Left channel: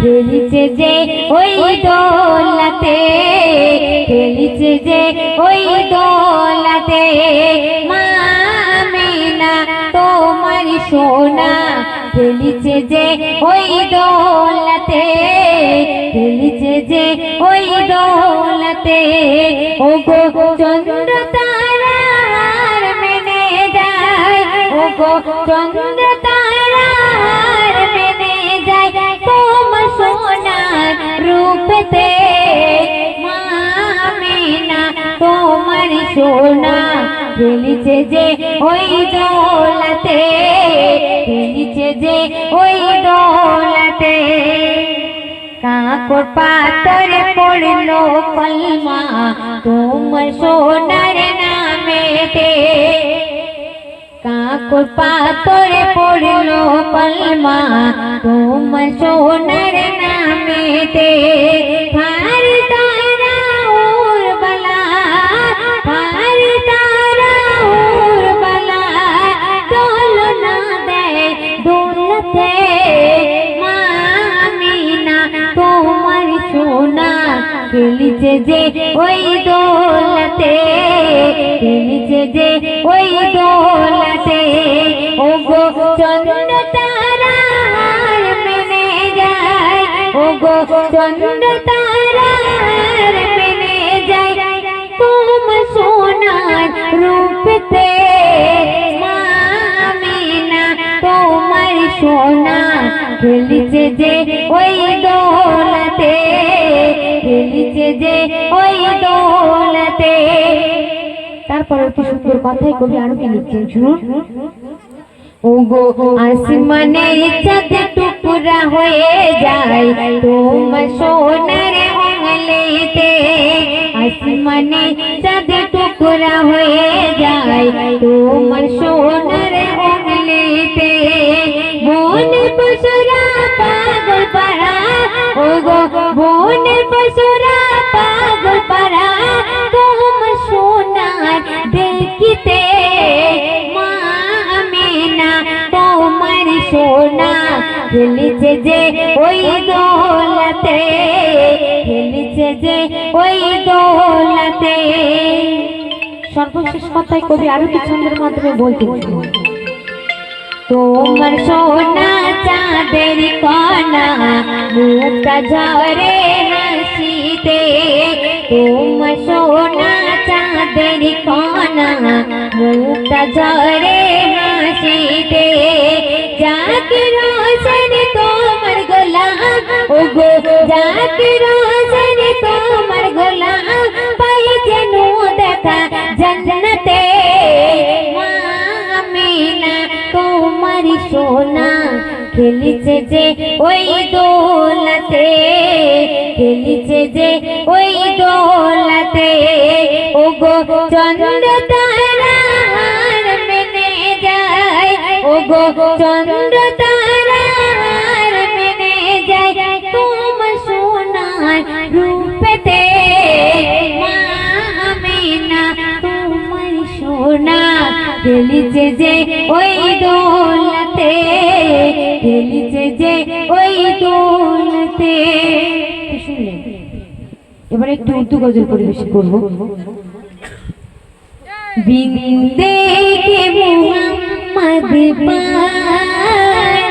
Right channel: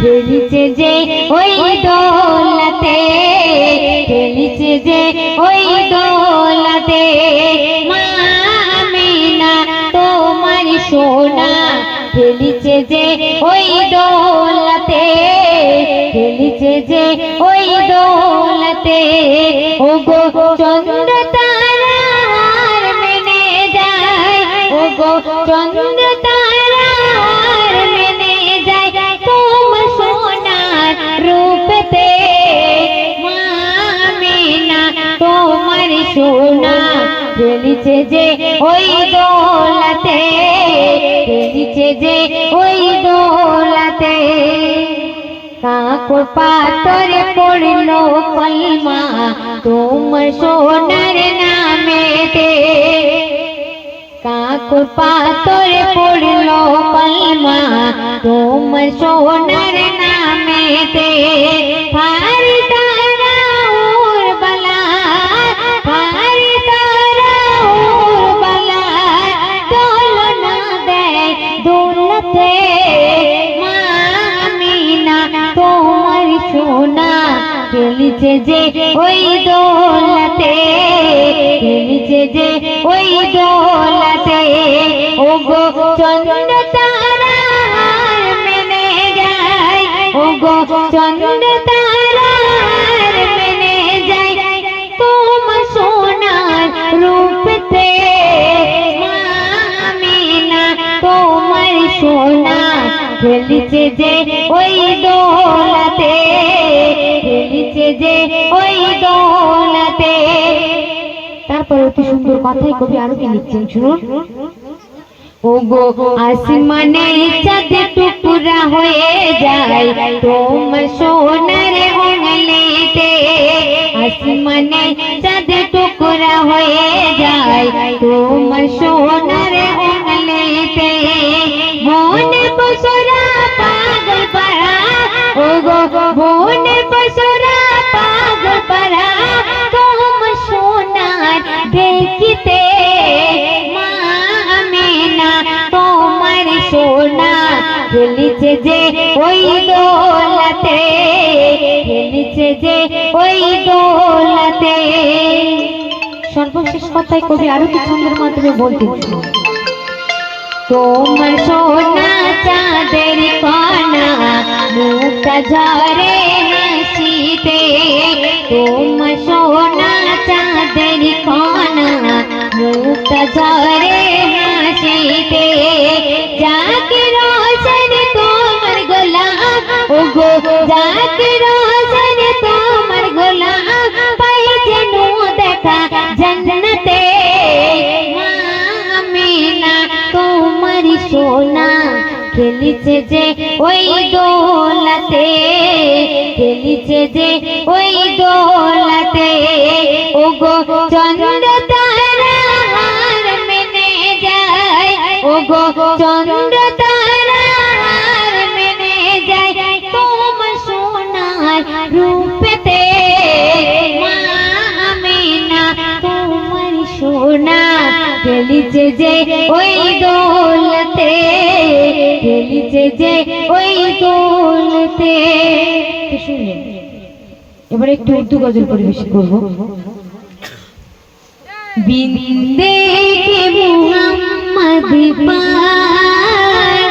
খেলিছে যে ওই দোলাতে, খেলিছে যে ওই দোলাতে, মা আমিনা তোমার সোনা খেলিছে যে ওই দোলাতে, খেলিছে যে ওই দোলাতে। ও গো চন্দ্র তারার মেনে যায়, ও গো চন্দ্র তারার মেনে যায় তোমার সোনার রূপতে, মা আমিনা তোমার সোনা খেলিছে যে ওই দোলাতে, খেলিছে যে ওই দোলাতে। কাকর পাতরে পড়লো কলমা তোমার সোনার নামেতে, কাকর পাতরে পড়লো কলমা তোমার সোনার নামেতে। ফারি তারা উরবালা, ফারি তারা উরবালা দোলনা দেয় দোলতে, মা আমিনা তোমার সোনা খেলিছে যে ওই দোলাতে, খেলিছে যে ওই দোলাতে। ও গো চন্দ্র তারার মেনে যায়, ও গো চন্দ্র তারার মেনে যায় তোমার সোনার রূপতে, মা আমিনা তোমার সোনা খেলিছে যে ওই দোলাতে, খেলিছে যে ওই দোলাতে। তারপর কি সুন্দর কথাই কবি আরো কি লিখছেন শুনুন। ও গো আসমানে চাঁদ টুকরা হয়ে যায় তোমার সোনার উঙ্গলিতে, আসমানে চাঁদ টুকরা হয়ে যায় তোমার সোনার উঙ্গলিতে। মনে পশুরা পাগল পারা, ও গো মনে পশুরা পাগল পারা তোমার সোনার দেখিতে, মা আমিনা তোমার সোনা খেলিছে যে ওই দোলাতে, খেলিছে যে ওই দোলাতে। সর্বশেষ কথায় কবি আরো কি ছন্দের মাধ্যমে বলতেছে। তোমার সোনা চাঁদের কণা মুক্তা ঝরে হাসিতে, তোমার সোনা চাঁদের কণা মুক্তা ঝরে হাসিতে। যাকে রোশন তোমার গোলাপ, ও গো যাকে রোশন তোমার গোলাপ পাইছে নু দেখা জান্নাতে, মা আমিনা তোমার সোনা খেলিছে যে ওই দোলাতে, খেলিছে যে ওই দোলাতে। ও গো চন্দ্র তারার মেনে যায়, ও গো চন্দ্র তারার মেনে যায় তোমার সোনার রূপেতে, মা আমিনা তোমার সোনা খেলিছে যে ওই দোলাতে, খেলিছে যে ওই দোলাতে। শুনলেন, এবার একটু উর্দু গজল পরিবেশন করবো। বিন্দে কে মুহাম্মদ পার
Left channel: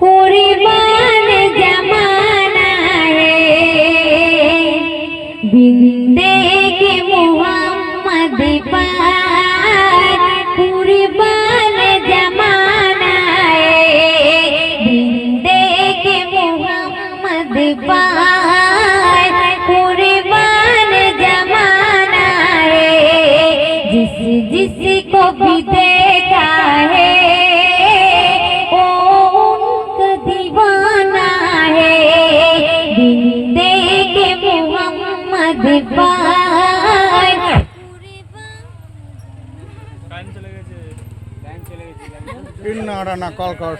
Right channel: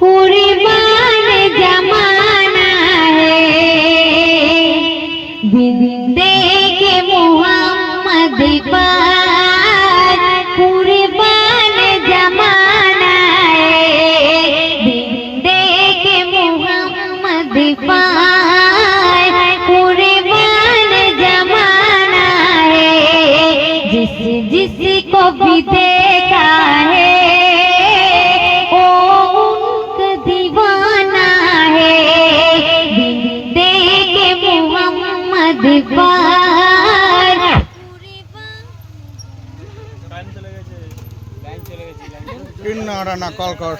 কুরবান জামানা है, বিন্দে কে মুহাম্মদ পার কুরবান জামানা है, বিন্দে কে মুহাম্মদ पार कुर्बान जमाना है। जिस जिसको भी देखा है वो उनका दीवाना है, बिंदे के मोहम्मद पार। किन्ना ना कल कर